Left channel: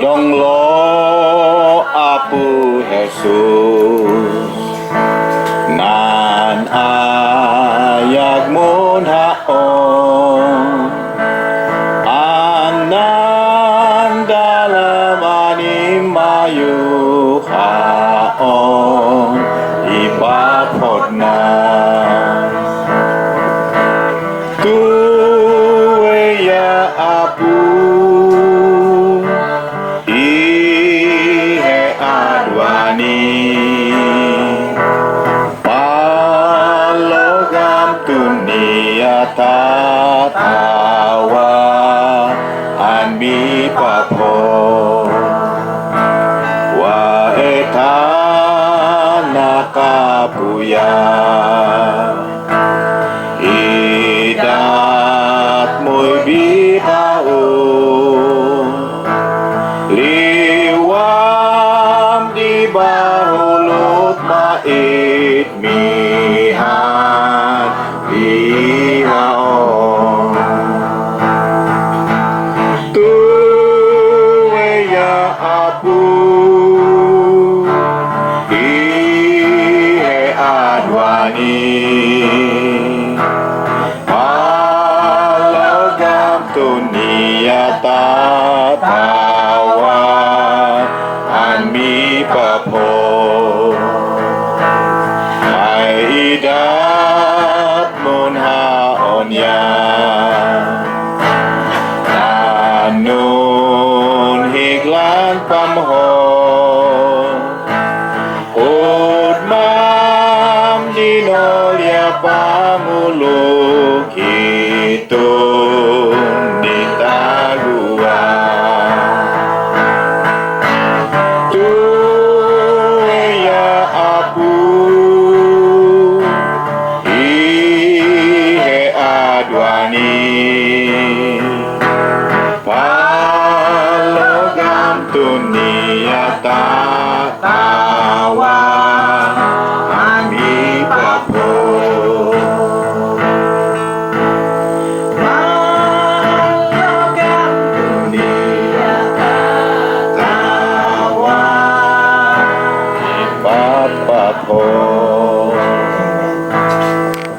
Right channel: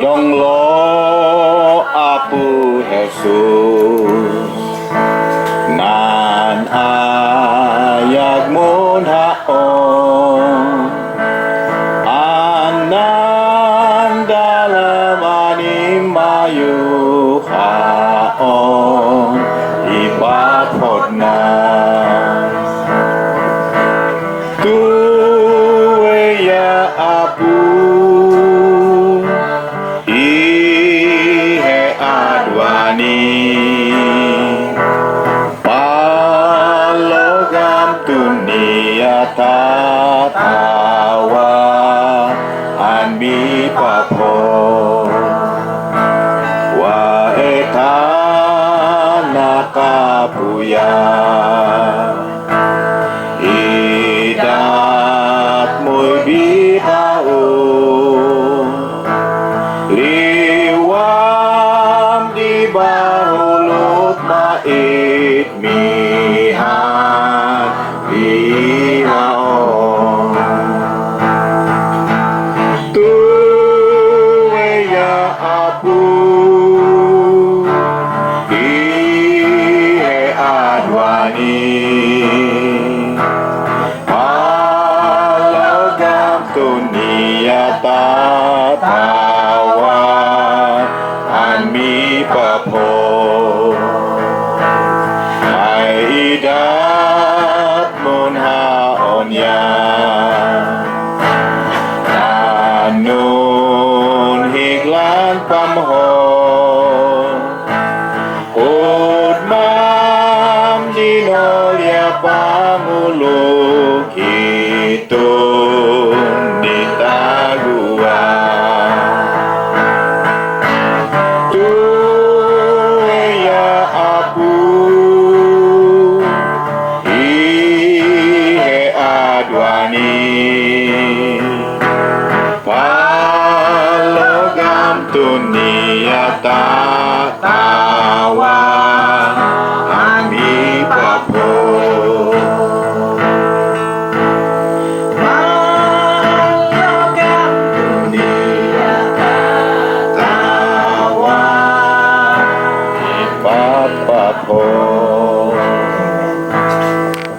Tolonglah aku Yesus, nan ayak mun haon, anan dalam animayu haon, ibapotna. Tuwe ya apu ihe adwani palogam dunia tatawa anmi papo wa etana kapuya idat muy bitao liwam di bahulut mait mihan lihaon tuwe ya apu ihe adwani dunia tatawa anmi papo hai idat mun haonya nanun higlan pamho udmam dinolia pamuluk itu palogam dunia tata